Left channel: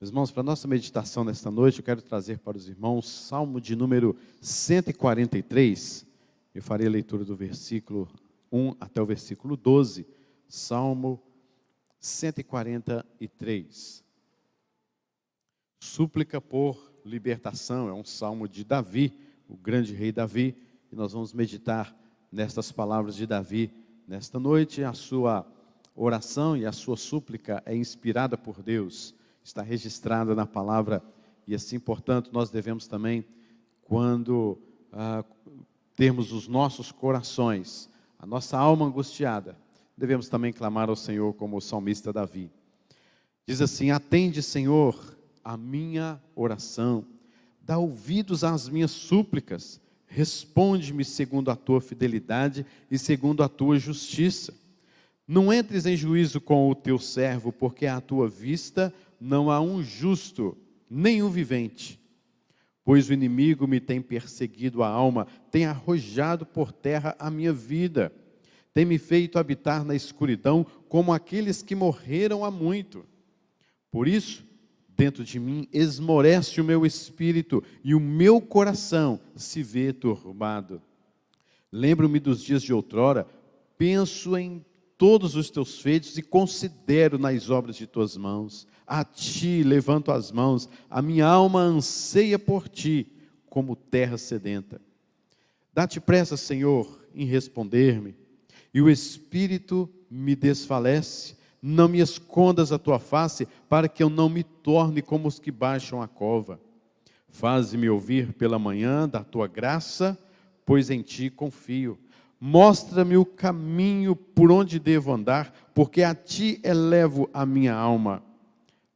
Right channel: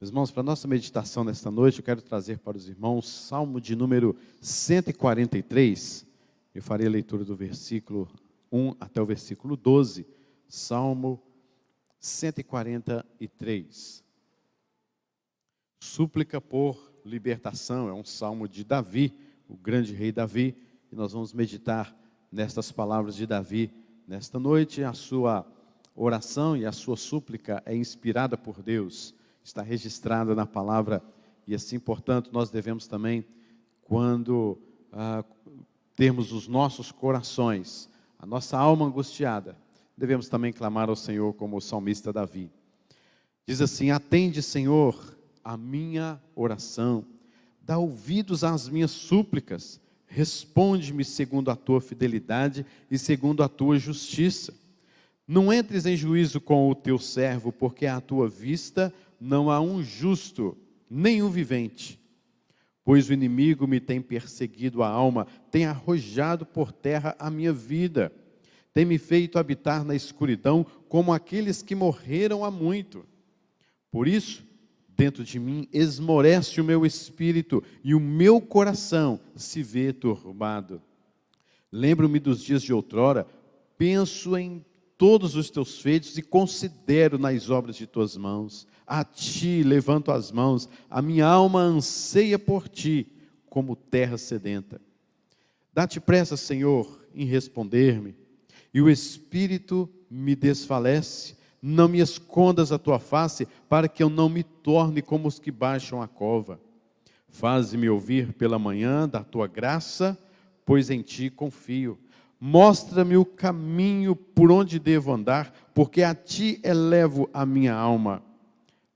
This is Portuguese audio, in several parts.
Meus irmãos, para a nossa meditação nesta noite, eu quero trazer para os irmãos Salmo de número 143. Eu farei a leitura do versículo 1 até o versículo 12. Salmo 143. Súplica por libertação, é um salmo de Davi, o grande rei Davi, e nós vamos meditar nestas palavras de Davi nesta noite. A sua oração e a sua súplica é inspirada por Deus, está registrada na palavra, e assim, portanto, nós devemos também, quando termos os nossos corações, a nossa alma angustiada, devemos também clamar ao Senhor como o salmista Davi. Diz assim: atende, Senhor, a minha oração, dá ouvidos às minhas súplicas, responde-me segundo a tua fidelidade e segundo a tua justiça. Não entres em juízo com o teu servo, porque à tua vista não há um justo, nem um vivente. Pois o inimigo me tem perseguido a alma, tem arrojado por terra a minha vida, tem me feito habitar na escuridão, como aqueles que morreram há muito. Por isso, dentro de mim esmorece o meu espírito, e o meu coração se vê turbado. Lembro-me dos dias de outrora, penso em todos os teus feitos e considero nas obras de tuas mãos. A ti levanto as mãos, a minha alma anseia por ti, como terra sedenta. Dá-te pressa, Senhor, em responder-me, e o espírito me desfalece. Não me escondas a tua face, para que eu não me torne como os que baixam a cova. Faze-me ouvir pela manhã da tua graça, pois em ti confio. Mostra-me o caminho por onde devo andar, porque a ti elevo a minha alma.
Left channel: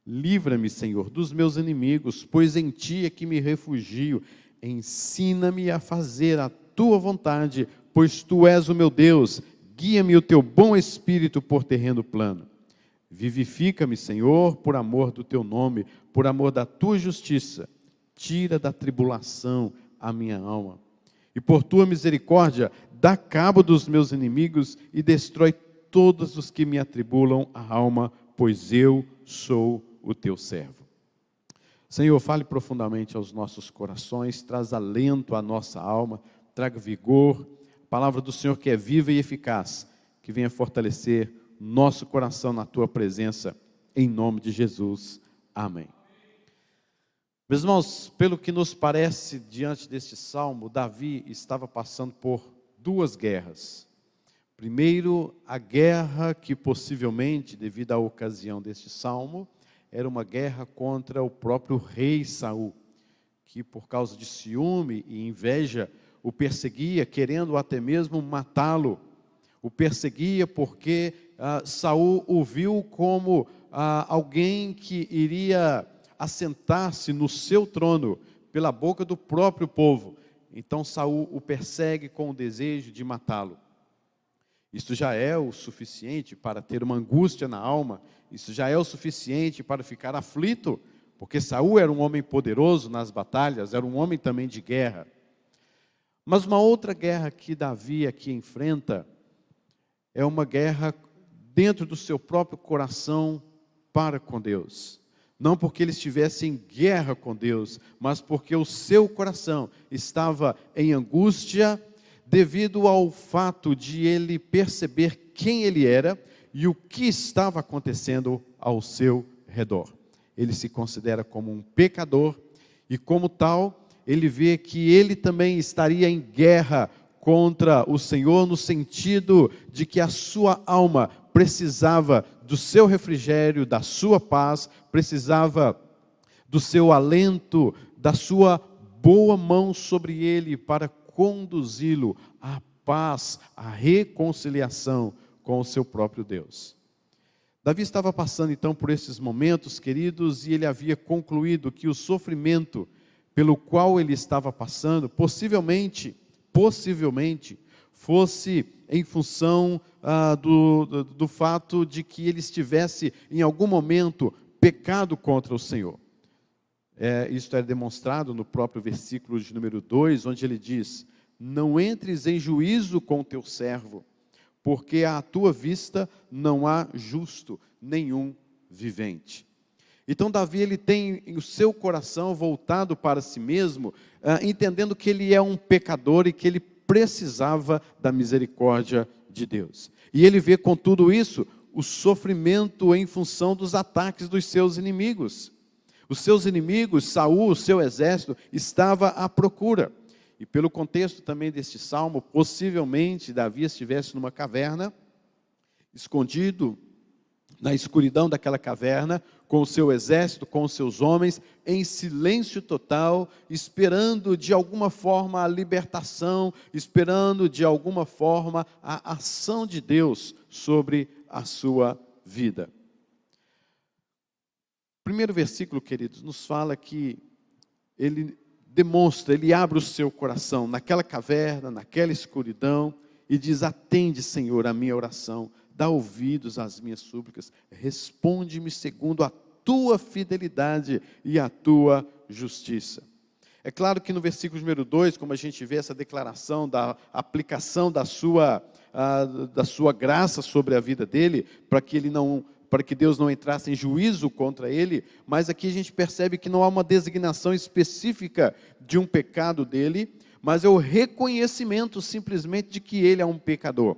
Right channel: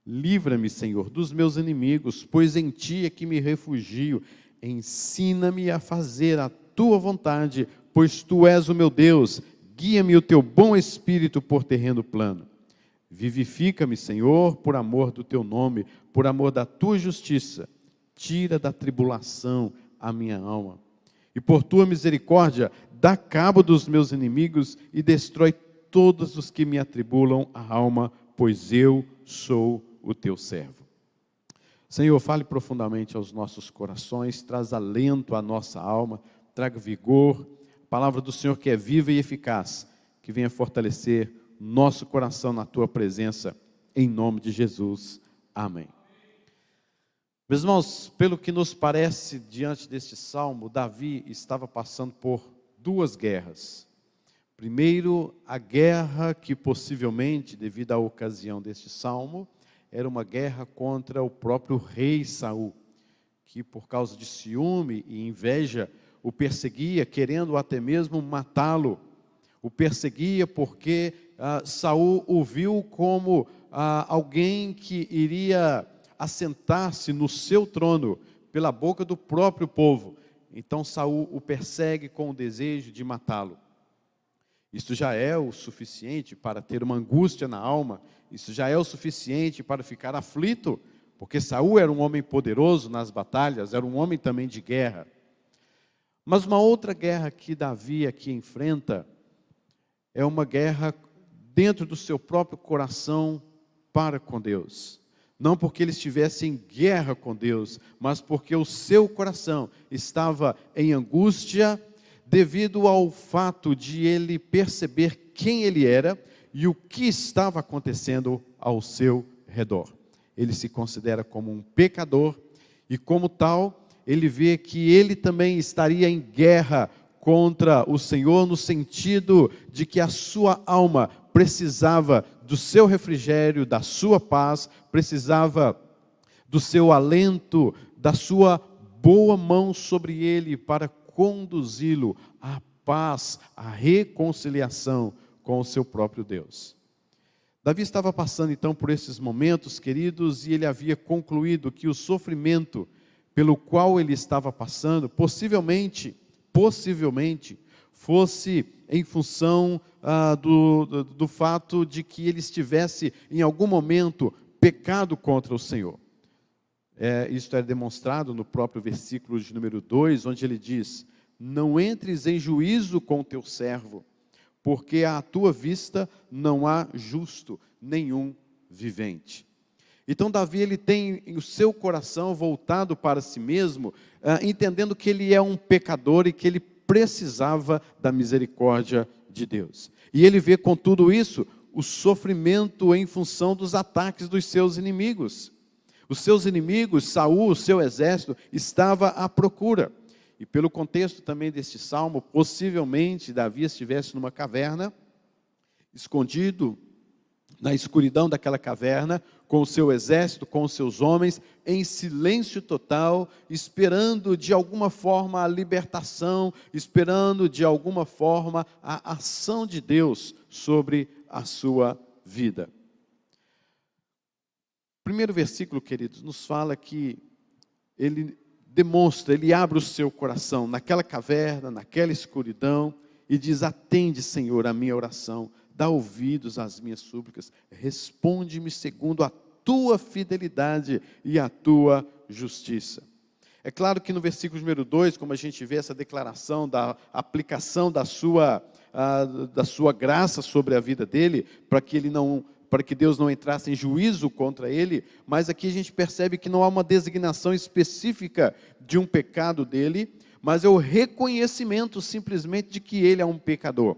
Livra-me, Senhor, dos meus inimigos, pois em ti é que me refugio. Ensina-me a fazer a tua vontade, pois tu és o meu Deus. Guia-me o teu bom espírito por terreno plano. Vivifica-me, Senhor, por amor do teu nome, por amor da tua justiça. Tira da tribulação a minha alma. E por tua misericórdia, dá cabo dos meus inimigos e destrói todos os que me atribulam a alma, pois eu sou o teu servo. Senhor, fale profundamente aos nossos corações, traz alento à nossa alma, traga vigor, a palavra do Senhor que é viva e eficaz, que venha fortalecer nosso coração na tua presença, em nome de Jesus. Amém. Meus irmãos, pelo que nos parece, diante deste salmo, Davi estava passando por duas guerras. Primeiro, a guerra que possivelmente, devido à ocasião deste salmo, era uma guerra contra o próprio rei Saul, que por causa de ciúme e inveja o perseguia, querendo até mesmo matá-lo. O perseguia porque Saul o viu como alguém que iria assentar-se no seu trono pela boca do próprio povo. Então Saul o persegue com o desejo de matá-lo. Isso já é o suficiente para ter uma angústia na alma, isso já é o suficiente para ficar aflito, porque Saul era um homem poderoso nas batalhas, era um homem também de guerra. Mas uma outra guerra que Davi aqui enfrenta é uma guerra dentro do seu próprio coração para com Deus. Não porque ele estivesse em guerra com Deus, mas porque o seu coração estava em angústia devido ao fato de ele perceber quem ele era e o que estava acontecendo ao seu redor. Ele se considera como um pecador e, como tal, ele vê que ele também estaria em guerra contra o Senhor, no sentido de que a sua alma precisava do seu refrigério, da sua paz, precisava do seu alento, da sua boa mão sobre ele para conduzi-lo à paz, à reconciliação com o seu próprio Deus. Davi estava passando então por esses momentos, queridos, e ele havia concluído que o sofrimento pelo qual ele estava passando, possivelmente, fosse em função do fato de que ele estivesse em algum momento pecado contra o Senhor. Isso é demonstrado no próprio versículo de número 2, onde ele diz: não entres em juízo com o teu servo, porque à tua vista não há justo, nenhum vivente. Então Davi, ele tem o seu coração voltado para si mesmo, entendendo que ele é um pecador e que ele precisava da misericórdia de Deus. E ele vê com tudo isso o sofrimento em função dos ataques dos seus inimigos. Os seus inimigos, Saul, o seu exército, estava à procura. E pelo contexto também deste salmo, possivelmente Davi estivesse numa caverna, escondido na escuridão daquela caverna, com o seu exército, com os seus homens, em silêncio total, esperando de alguma forma a libertação, esperando de alguma forma a ação de Deus sobre a sua vida. O primeiro versículo, queridos, nos fala que ele demonstra, ele abre o seu coração naquela caverna, naquela escuridão, e diz: atende, Senhor, a minha oração, dá ouvidos às minhas súplicas, responde-me segundo a tua fidelidade e a tua justiça. É claro que no versículo número 2, como a gente vê essa declaração da aplicação da sua graça sobre a vida dele, para que Deus não entrasse em juízo contra ele, mas aqui a gente percebe que não há uma designação específica de um pecado dele, mas é o reconhecimento simplesmente de que ele é um pecador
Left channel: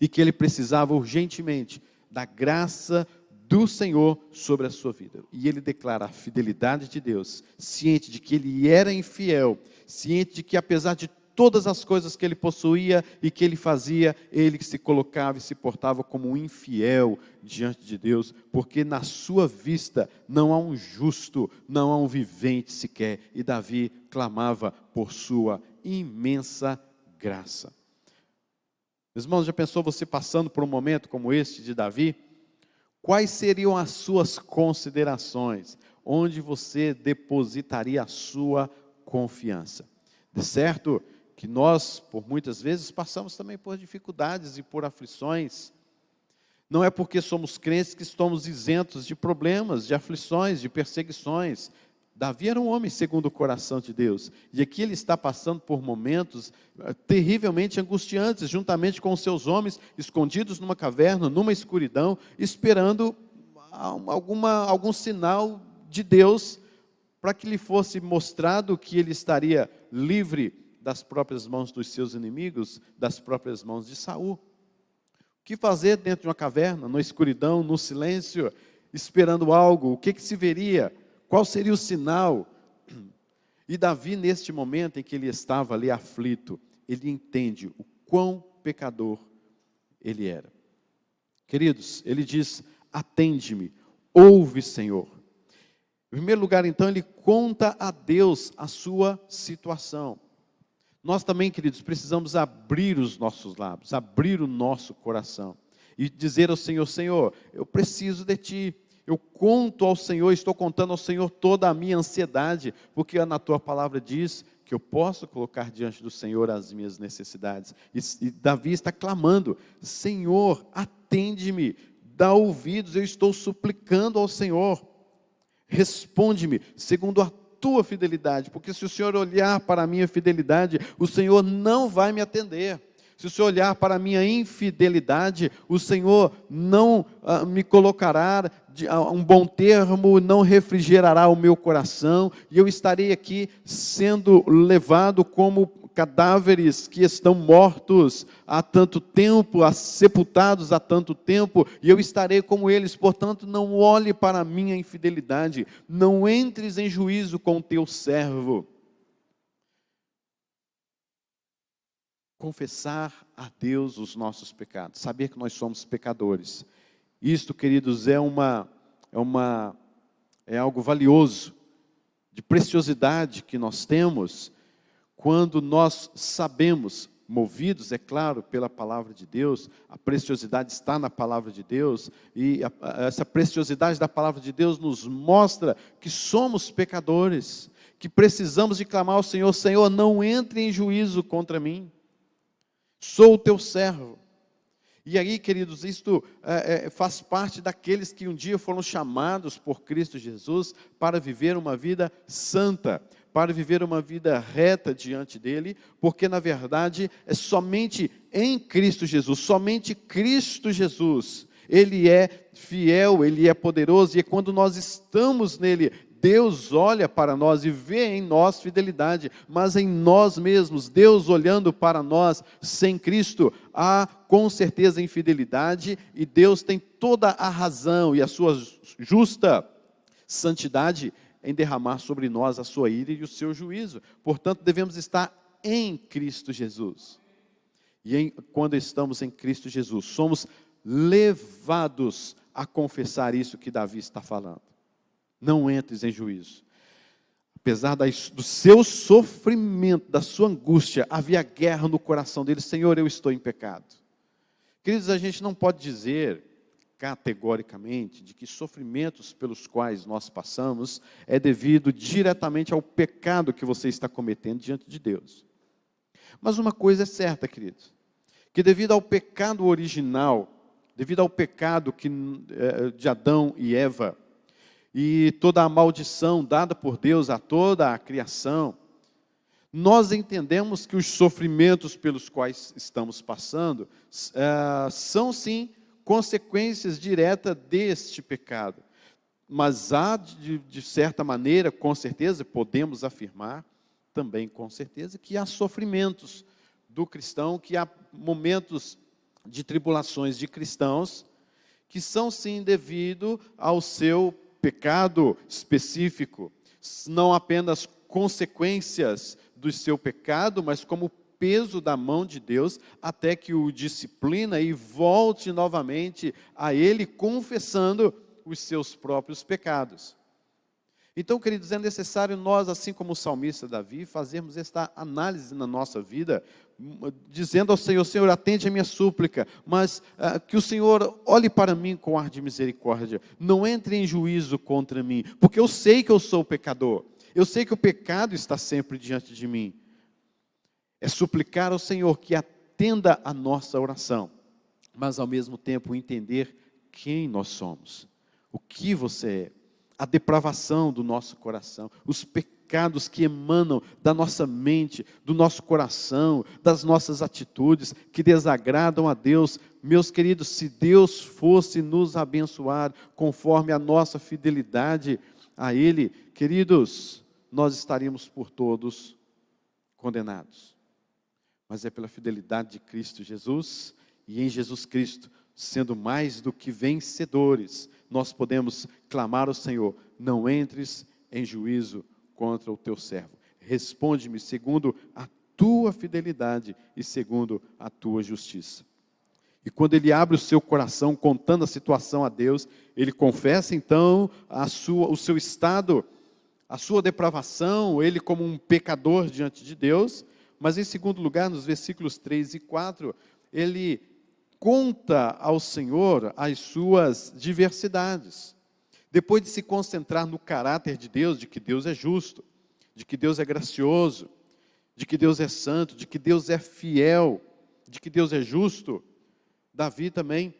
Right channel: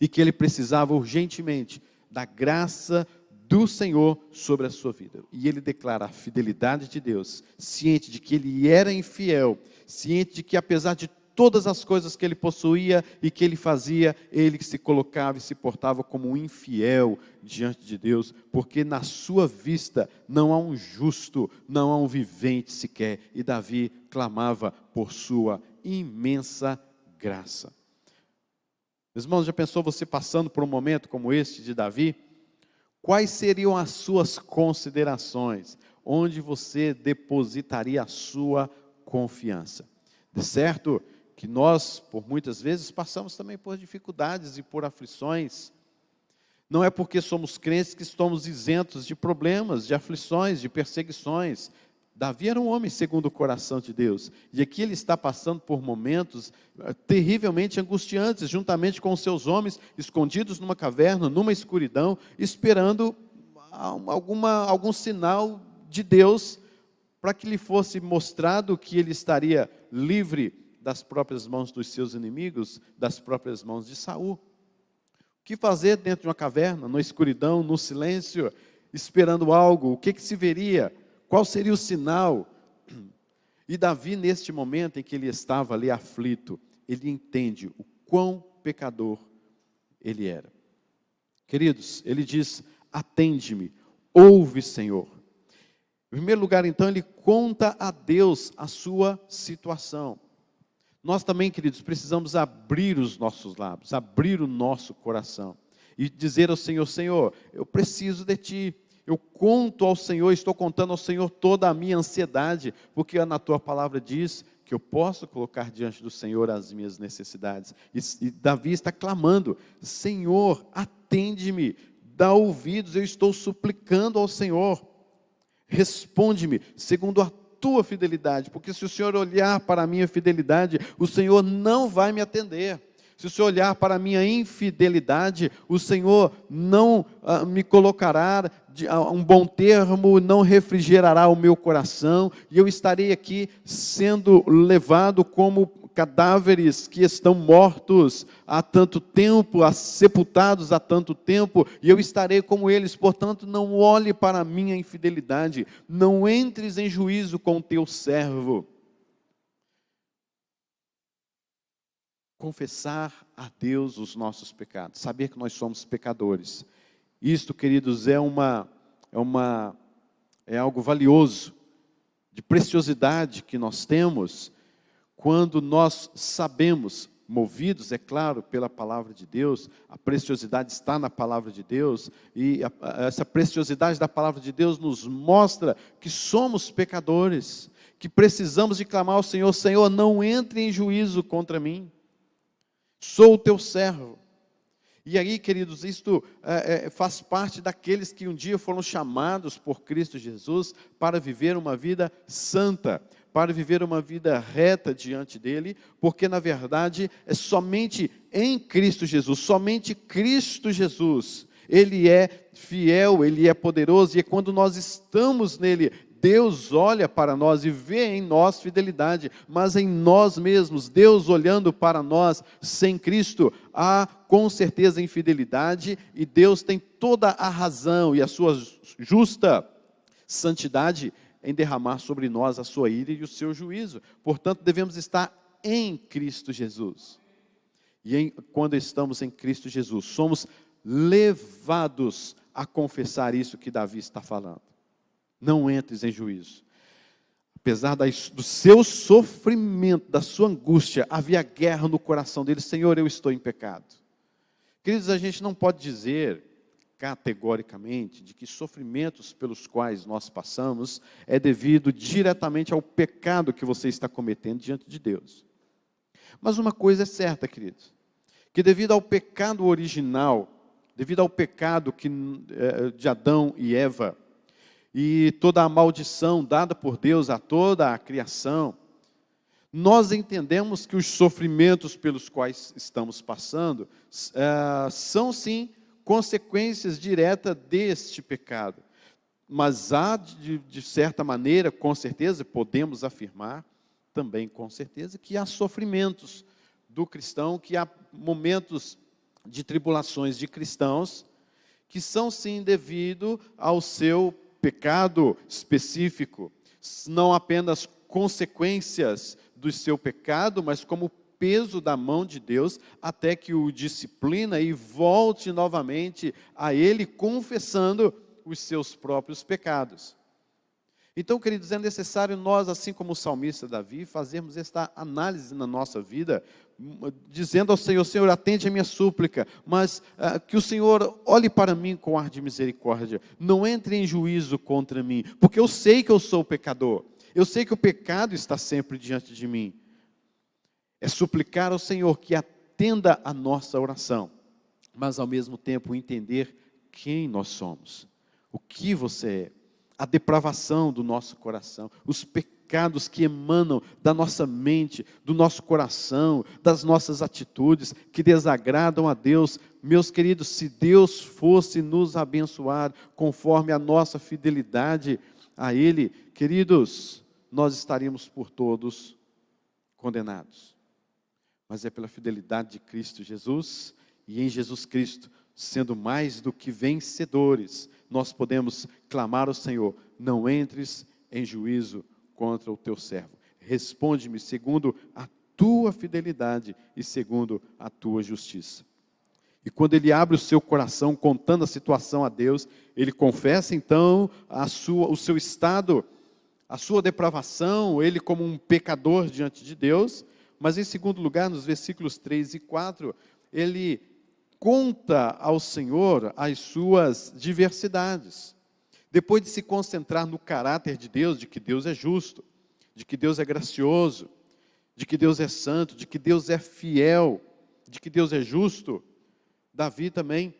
e que ele precisava urgentemente da graça do Senhor sobre a sua vida. E ele declara a fidelidade de Deus, ciente de que ele era infiel, ciente de que apesar de todas as coisas que ele possuía e que ele fazia, ele se colocava e se portava como um infiel diante de Deus, porque na sua vista não há um justo, não há um vivente sequer, e Davi clamava por sua imensa graça. Meus irmãos, já pensou você passando por um momento como este de Davi? Quais seriam as suas considerações? Onde você depositaria a sua confiança? De certo que nós, por muitas vezes, passamos também por dificuldades e por aflições. Não é porque somos crentes que estamos isentos de problemas, de aflições, de perseguições. Davi era um homem segundo o coração de Deus. E aqui ele está passando por momentos terrivelmente angustiantes, juntamente com os seus homens, escondidos numa caverna, numa escuridão, esperando algum sinal de Deus, para que lhe fosse mostrado que ele estaria livre das próprias mãos dos seus inimigos, das próprias mãos de Saul. O que fazer dentro de uma caverna, na escuridão, no silêncio, esperando algo? O que se veria? Qual seria o sinal? E Davi, neste momento em que ele estava ali aflito, ele entende o quão pecador ele era. Queridos, ele diz: atende-me, ouve, Senhor. Em primeiro lugar, então, ele conta a Deus a sua situação. Nós também, queridos, precisamos abrir os nossos lábios, abrir o nosso coração e dizer ao Senhor: Senhor, eu preciso de Ti. Eu conto ao Senhor, estou contando ao Senhor toda a minha ansiedade, porque na Tua palavra diz que eu posso colocar diante do Senhor as minhas necessidades. E Davi está clamando: Senhor, atende-me, dá ouvidos, eu estou suplicando ao Senhor. Responde-me segundo a Tua fidelidade, porque se o Senhor olhar para a minha fidelidade, o Senhor não vai me atender. Se o Senhor olhar para a minha infidelidade, o Senhor não me colocará um bom termo, não refrigerará o meu coração, e eu estarei aqui sendo levado como cadáveres que estão mortos há tanto tempo, sepultados há tanto tempo, e eu estarei como eles. Portanto, não olhe para a minha infidelidade, não entres em juízo com o teu servo. Confessar a Deus os nossos pecados, saber que nós somos pecadores. Isto, queridos, é algo valioso, de preciosidade que nós temos, quando nós sabemos, movidos, é claro, pela palavra de Deus. A preciosidade está na palavra de Deus, e essa preciosidade da palavra de Deus nos mostra que somos pecadores, que precisamos de clamar ao Senhor: Senhor, não entre em juízo contra mim. Sou o teu servo. E aí, queridos, isto faz parte daqueles que um dia foram chamados por Cristo Jesus para viver uma vida santa, para viver uma vida reta diante dele, porque na verdade é somente em Cristo Jesus, somente Cristo Jesus, Ele é fiel, Ele é poderoso, e quando nós estamos nele, Deus olha para nós e vê em nós fidelidade, mas em nós mesmos, Deus olhando para nós sem Cristo, há com certeza infidelidade, e Deus tem toda a razão e a sua justa santidade em derramar sobre nós a sua ira e o seu juízo. Portanto, devemos estar em Cristo Jesus. E quando estamos em Cristo Jesus, somos levados a confessar isso que Davi está falando. Não entres em juízo. Apesar do seu sofrimento, da sua angústia, havia guerra no coração dele. Senhor, eu estou em pecado. Queridos, a gente não pode dizer categoricamente de que sofrimentos pelos quais nós passamos é devido diretamente ao pecado que você está cometendo diante de Deus. Mas uma coisa é certa, queridos, que devido ao pecado original, devido ao pecado de Adão e Eva, e toda a maldição dada por Deus a toda a criação, nós entendemos que os sofrimentos pelos quais estamos passando são sim consequências diretas deste pecado. Mas há, de certa maneira, com certeza, podemos afirmar também com certeza que há sofrimentos do cristão, que há momentos de tribulações de cristãos, que são sim devido ao seu pecado específico, não apenas consequências do seu pecado, mas como peso da mão de Deus, até que o disciplina e volte novamente a Ele, confessando os seus próprios pecados. Então, queridos, é necessário nós, assim como o salmista Davi, fazermos esta análise na nossa vida, dizendo ao Senhor: Senhor, atende a minha súplica, mas que o Senhor olhe para mim com ar de misericórdia, não entre em juízo contra mim, porque eu sei que eu sou pecador, eu sei que o pecado está sempre diante de mim. É suplicar ao Senhor que atenda a nossa oração, mas ao mesmo tempo entender quem nós somos, o que você é, a depravação do nosso coração, os pecados que emanam da nossa mente, do nosso coração, das nossas atitudes, que desagradam a Deus. Meus queridos, se Deus fosse nos abençoar conforme a nossa fidelidade a Ele, queridos, nós estaríamos por todos condenados. Mas é pela fidelidade de Cristo Jesus, e em Jesus Cristo, sendo mais do que vencedores, nós podemos clamar ao Senhor: não entres em juízo contra o teu servo. Responde-me segundo a tua fidelidade e segundo a tua justiça. E quando ele abre o seu coração, contando a situação a Deus, ele confessa então o seu estado, a sua depravação, ele como um pecador diante de Deus. Mas em segundo lugar, nos versículos 3 e 4, ele conta ao Senhor as suas diversidades. Depois de se concentrar no caráter de Deus, de que Deus é justo, de que Deus é gracioso, de que Deus é santo, de que Deus é fiel, de que Deus é justo, Davi também,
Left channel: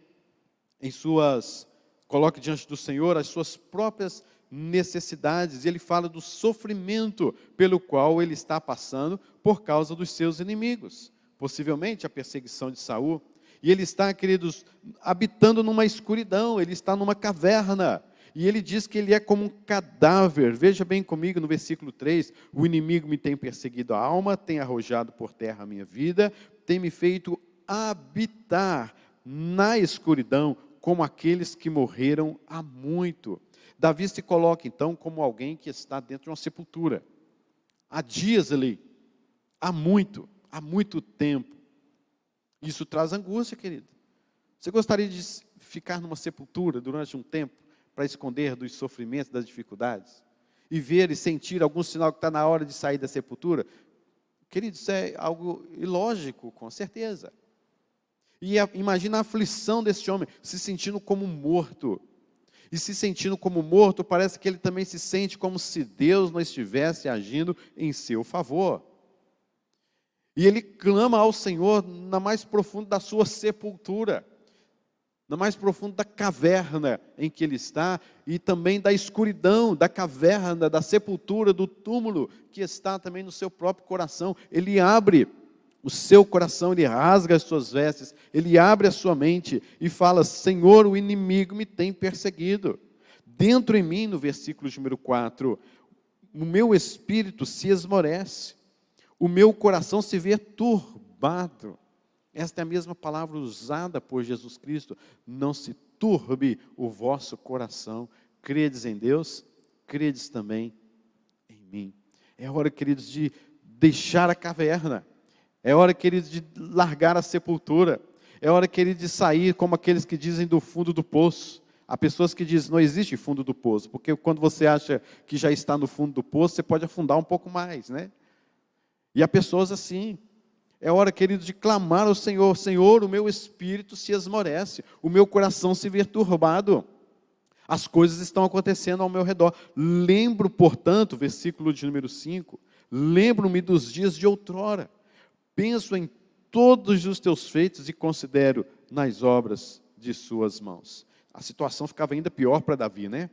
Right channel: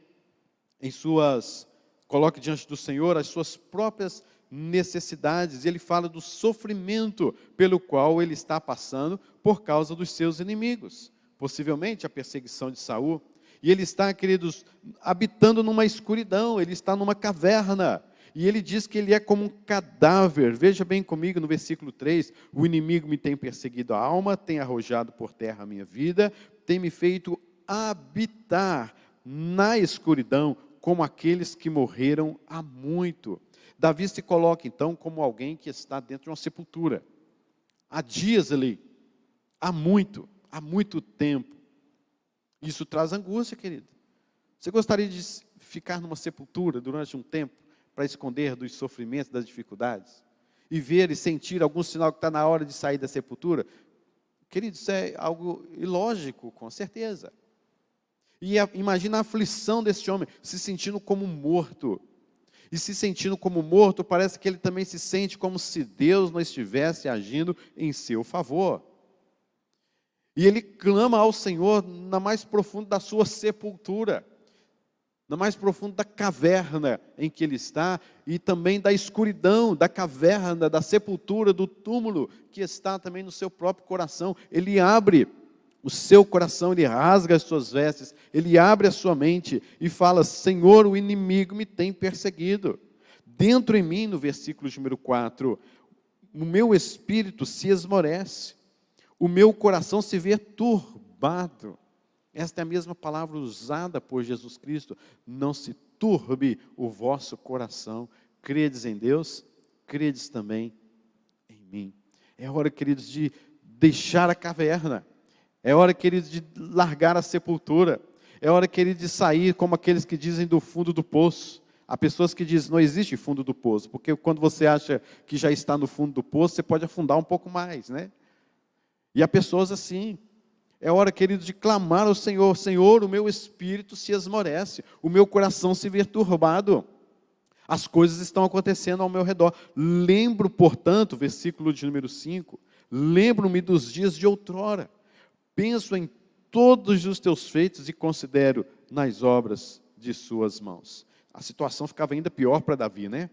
coloca diante do Senhor as suas próprias necessidades. Ele fala do sofrimento pelo qual ele está passando por causa dos seus inimigos, possivelmente a perseguição de Saul. E ele está, queridos, habitando numa escuridão, ele está numa caverna, e ele diz que ele é como um cadáver. Veja bem comigo no versículo 3, o inimigo me tem perseguido a alma, tem arrojado por terra a minha vida, tem me feito habitar na escuridão, como aqueles que morreram há muito. Davi se coloca então como alguém que está dentro de uma sepultura, há dias ali, há muito tempo. Isso traz angústia, querido. Você gostaria de ficar numa sepultura durante um tempo para esconder dos sofrimentos, das dificuldades, e ver e sentir algum sinal que está na hora de sair da sepultura? Querido, isso é algo ilógico, com certeza. E imagina a aflição desse homem, se sentindo como morto. E se sentindo como morto, parece que ele também se sente como se Deus não estivesse agindo em seu favor. E ele clama ao Senhor na mais profunda da sua sepultura, na mais profunda da caverna em que ele está, e também da escuridão, da caverna, da sepultura, do túmulo que está também no seu próprio coração. Ele abre o seu coração, ele rasga as suas vestes, ele abre a sua mente e fala: Senhor, o inimigo me tem perseguido. Dentro em mim, no versículo de número 4, o meu espírito se esmorece, o meu coração se vê turbado. Esta é a mesma palavra usada por Jesus Cristo. Não se turbe o vosso coração. Credes em Deus, credes também em mim. É hora, queridos, de deixar a caverna. É hora, queridos, de largar a sepultura. É hora, queridos, de sair como aqueles que dizem do fundo do poço. Há pessoas que dizem: não existe fundo do poço, porque quando você acha que já está no fundo do poço, você pode afundar um pouco mais, né? E há pessoas assim. É hora, queridos, de clamar ao Senhor: Senhor, o meu espírito se esmorece, o meu coração se vê turbado. As coisas estão acontecendo ao meu redor. Lembro, portanto, versículo de número 5, lembro-me dos dias de outrora. Penso em todos os teus feitos e considero nas obras de suas mãos. A situação ficava ainda pior para Davi, né?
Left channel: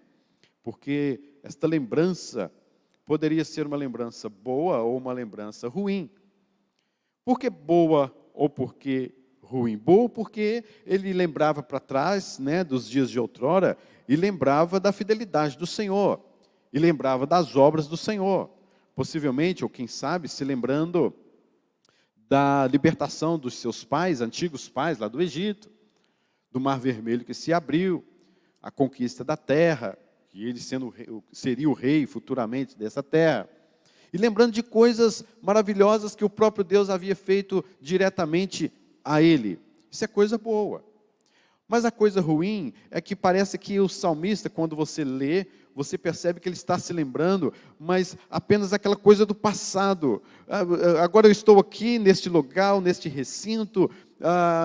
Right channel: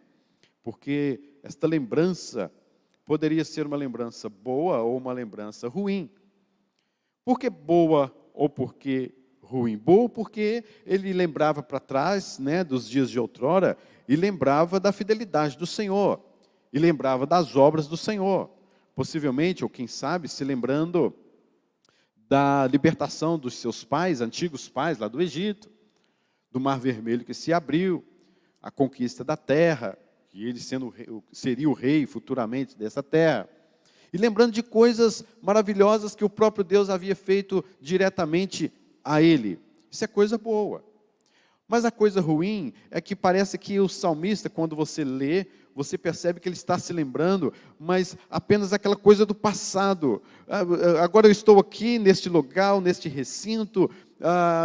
Porque esta lembrança poderia ser uma lembrança boa ou uma lembrança ruim. Por que boa ou por que ruim? Boa porque ele lembrava para trás, né, dos dias de outrora, e lembrava da fidelidade do Senhor, e lembrava das obras do Senhor. Possivelmente, ou quem sabe, se lembrando da libertação dos seus pais, antigos pais lá do Egito, do Mar Vermelho que se abriu, a conquista da terra, que ele seria o rei futuramente dessa terra. E lembrando de coisas maravilhosas que o próprio Deus havia feito diretamente a ele. Isso é coisa boa. Mas a coisa ruim é que parece que o salmista, quando você lê, você percebe que ele está se lembrando, mas apenas aquela coisa do passado. Agora eu estou aqui, neste lugar, neste recinto,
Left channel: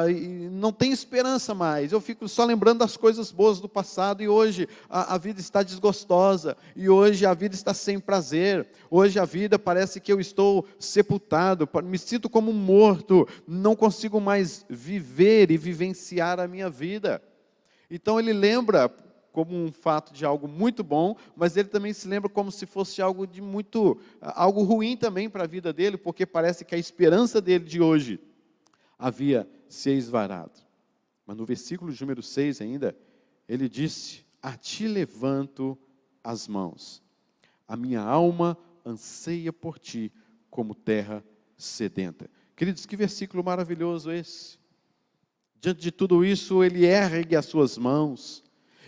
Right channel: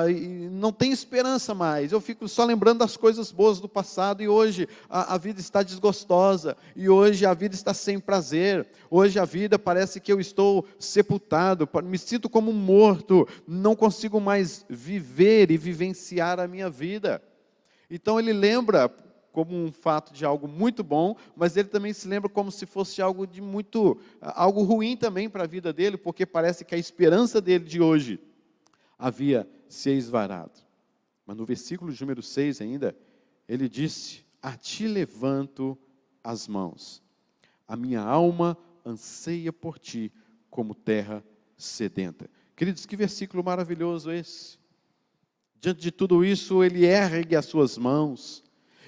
e não tem esperança mais. Eu fico só lembrando das coisas boas do passado, e hoje a vida está desgostosa, e hoje a vida está sem prazer, hoje a vida parece que eu estou sepultado, me sinto como morto, não consigo mais viver e vivenciar a minha vida. Então ele lembra como um fato de algo muito bom, mas ele também se lembra como se fosse algo algo ruim também para a vida dele, porque parece que a esperança dele de hoje havia se esvairado. Mas no versículo de número 6 ainda, ele disse: a ti levanto as mãos, a minha alma anseia por ti como terra sedenta. Queridos, que versículo maravilhoso esse. Diante de tudo isso, ele ergue as suas mãos,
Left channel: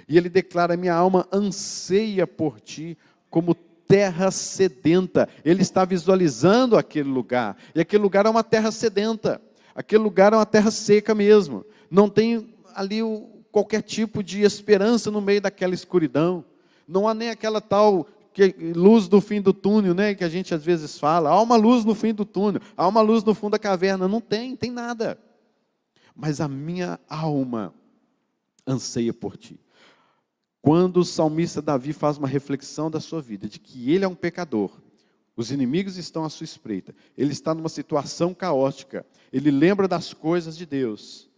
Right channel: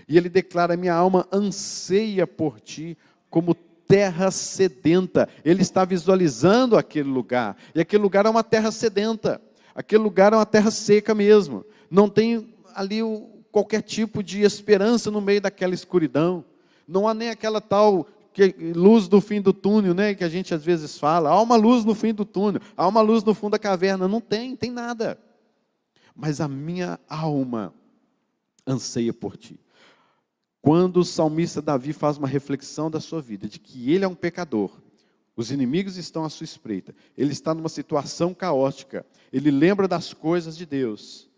e ele declara: minha alma anseia por ti como terra sedenta. Ele está visualizando aquele lugar, e aquele lugar é uma terra sedenta. Aquele lugar é uma terra seca mesmo. Não tem ali qualquer tipo de esperança no meio daquela escuridão. Não há nem aquela tal luz no fim do túnel, né, que a gente às vezes fala. Há uma luz no fim do túnel, há uma luz no fundo da caverna. Não tem nada. Mas a minha alma anseia por ti. Quando o salmista Davi faz uma reflexão da sua vida, de que ele é um pecador, os inimigos estão à sua espreita, ele está numa situação caótica, ele lembra das coisas de Deus,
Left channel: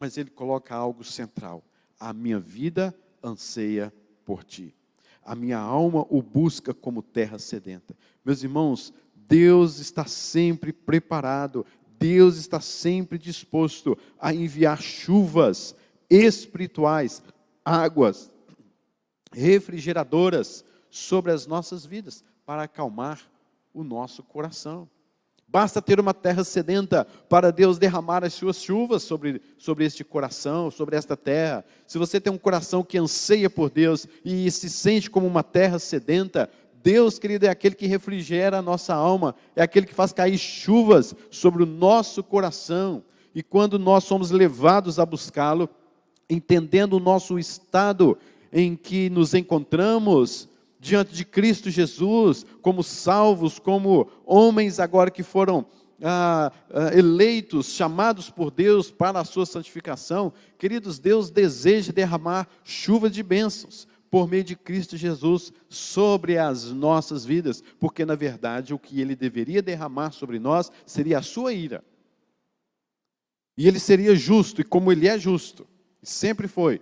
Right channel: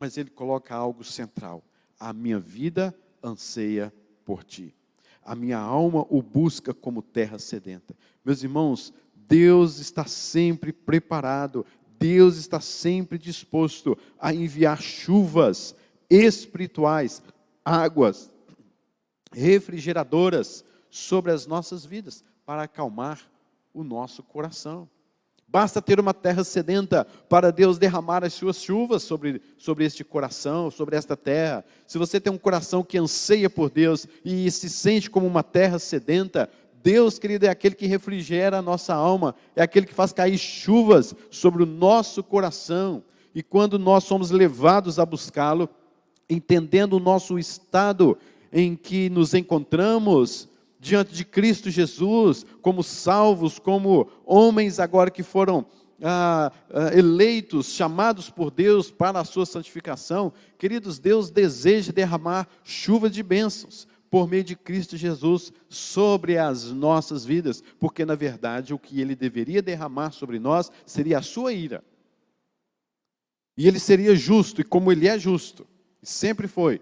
mas ele coloca algo central: a minha vida anseia por ti, a minha alma o busca como terra sedenta. Meus irmãos, Deus está sempre preparado, Deus está sempre disposto a enviar chuvas espirituais, águas refrigeradoras sobre as nossas vidas, para acalmar o nosso coração. Basta ter uma terra sedenta para Deus derramar as suas chuvas sobre este coração, sobre esta terra. Se você tem um coração que anseia por Deus e se sente como uma terra sedenta, Deus, querido, é aquele que refrigera a nossa alma, é aquele que faz cair chuvas sobre o nosso coração. E quando nós somos levados a buscá-lo, entendendo o nosso estado em que nos encontramos diante de Cristo Jesus, como salvos, como homens agora que foram eleitos, chamados por Deus para a sua santificação, queridos, Deus deseja derramar chuva de bênçãos por meio de Cristo Jesus sobre as nossas vidas, porque na verdade o que Ele deveria derramar sobre nós seria a sua ira, e Ele seria justo, e como Ele é justo, sempre foi,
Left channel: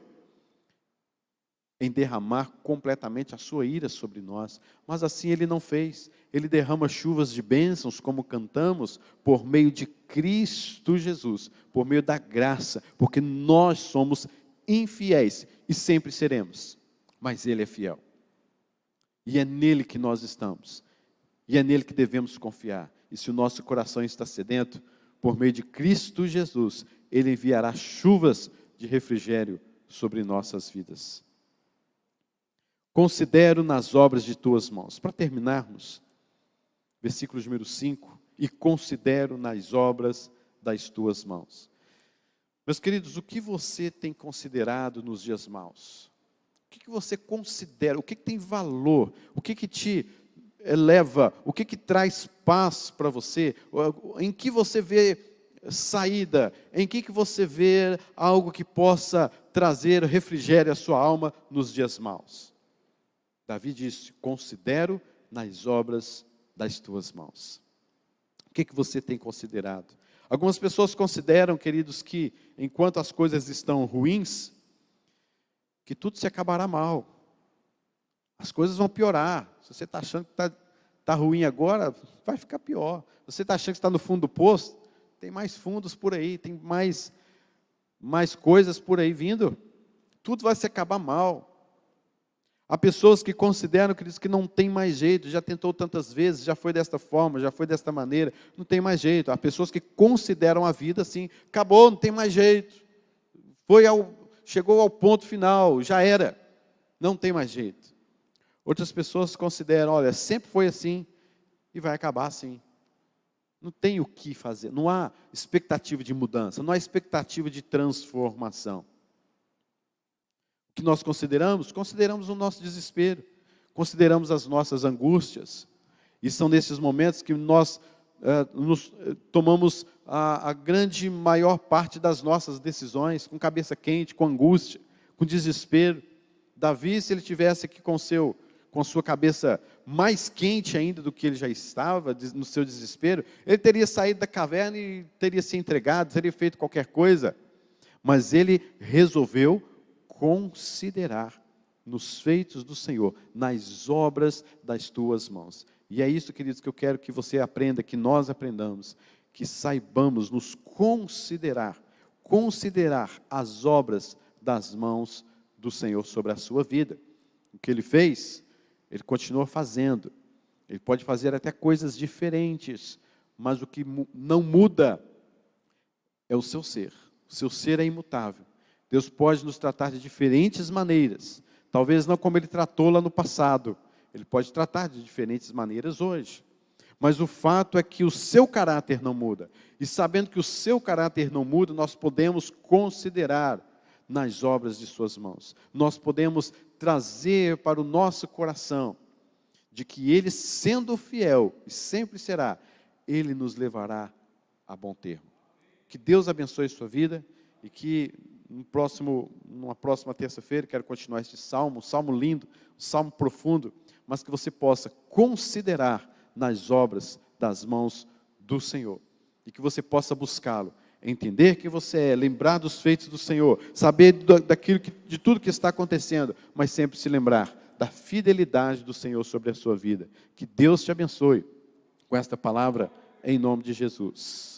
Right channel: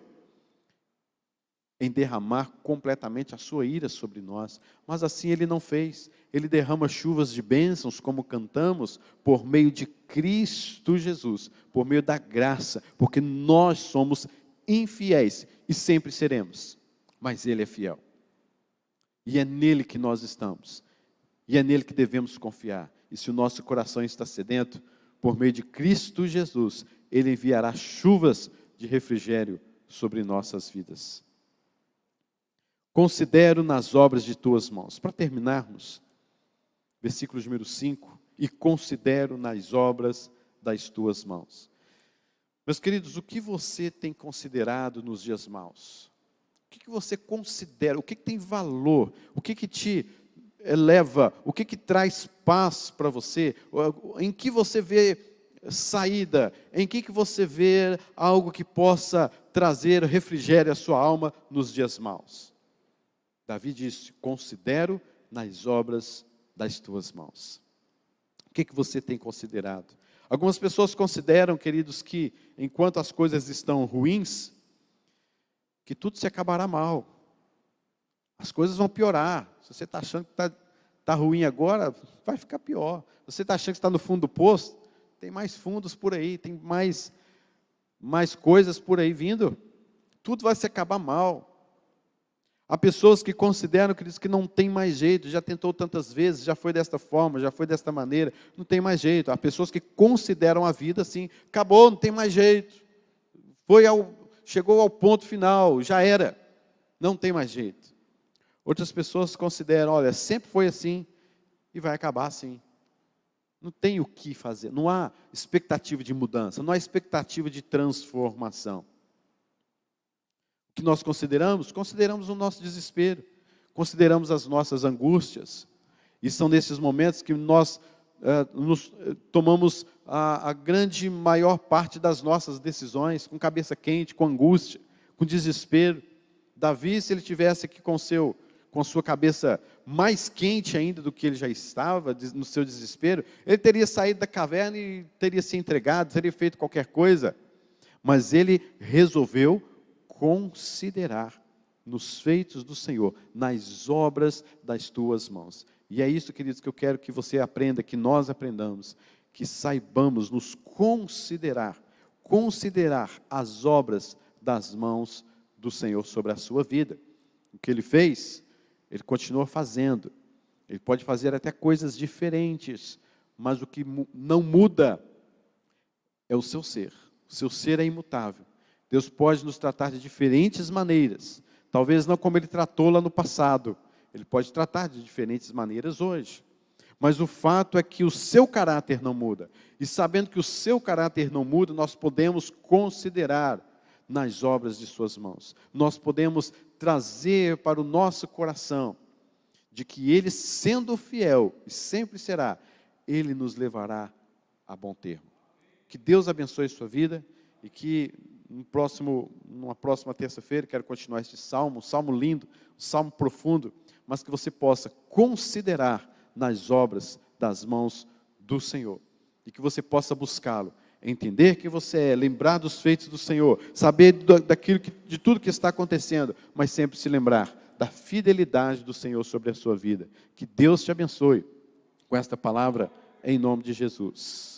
em derramar completamente a sua ira sobre nós, mas assim Ele não fez. Ele derrama chuvas de bênçãos, como cantamos, por meio de Cristo Jesus, por meio da graça, porque nós somos infiéis e sempre seremos, mas Ele é fiel. E é nele que nós estamos, e é nele que devemos confiar. E se o nosso coração está sedento, por meio de Cristo Jesus, Ele enviará chuvas de refrigério sobre nossas vidas. Considero nas obras de tuas mãos. Para terminarmos, versículo número 5, e considero nas obras das tuas mãos. Meus queridos, o que você tem considerado nos dias maus? O que você considera? O que tem valor? O que te eleva? O que traz paz para você? Em que você vê saída? Em que você vê algo que possa trazer refrigério à sua alma nos dias maus? Davi disse: considero nas obras das tuas mãos. O que você tem considerado? Algumas pessoas consideram, queridos, que enquanto as coisas estão ruins, que tudo se acabará mal. As coisas vão piorar. Se você está achando que está ruim agora, vai ficar pior. Se você está achando que está no fundo do poço, tem mais fundos por aí, tem mais coisas por aí vindo. Tudo vai se acabar mal. Há pessoas que consideram que não tem mais jeito, já tentou tantas vezes, já foi desta forma, já foi desta maneira, não tem mais jeito. Há pessoas que consideram a vida assim: acabou, não tem mais jeito. Chegou ao ponto final, já era, não tem mais jeito. Outras pessoas consideram: olha, sempre foi assim e vai acabar assim. Não tem o que fazer, não há expectativa de mudança, não há expectativa de transformação. O que nós consideramos? Consideramos o nosso desespero, consideramos as nossas angústias, e são nesses momentos que nós tomamos a grande maior parte das nossas decisões, com cabeça quente, com angústia, com desespero. Davi, se ele tivesse aqui com sua cabeça mais quente ainda do que ele já estava, no seu desespero, ele teria saído da caverna e teria se entregado, teria feito qualquer coisa, mas ele resolveu considerar nos feitos do Senhor, nas obras das tuas mãos. E é isso, queridos, que eu quero que você aprenda, que nós aprendamos, que saibamos nos considerar as obras das mãos do Senhor sobre a sua vida. O que Ele fez, Ele continua fazendo. Ele pode fazer até coisas diferentes, mas o que não muda é o seu ser. O seu ser é imutável. Deus pode nos tratar de diferentes maneiras, talvez não como Ele tratou lá no passado, Ele pode tratar de diferentes maneiras hoje, mas o fato é que o seu caráter não muda, e sabendo que o seu caráter não muda, nós podemos considerar nas obras de suas mãos, nós podemos trazer para o nosso coração, de que Ele, sendo fiel, e sempre será, Ele nos levará a bom termo. Que Deus abençoe sua vida, e que numa próxima terça-feira, quero continuar este salmo, um salmo lindo, um salmo profundo, mas que você possa considerar nas obras das mãos do Senhor, e que você possa buscá-lo, entender que você é, lembrar dos feitos do Senhor, saber de tudo que está acontecendo, mas sempre se lembrar da fidelidade do Senhor sobre a sua vida. Que Deus te abençoe com esta palavra, em nome de Jesus.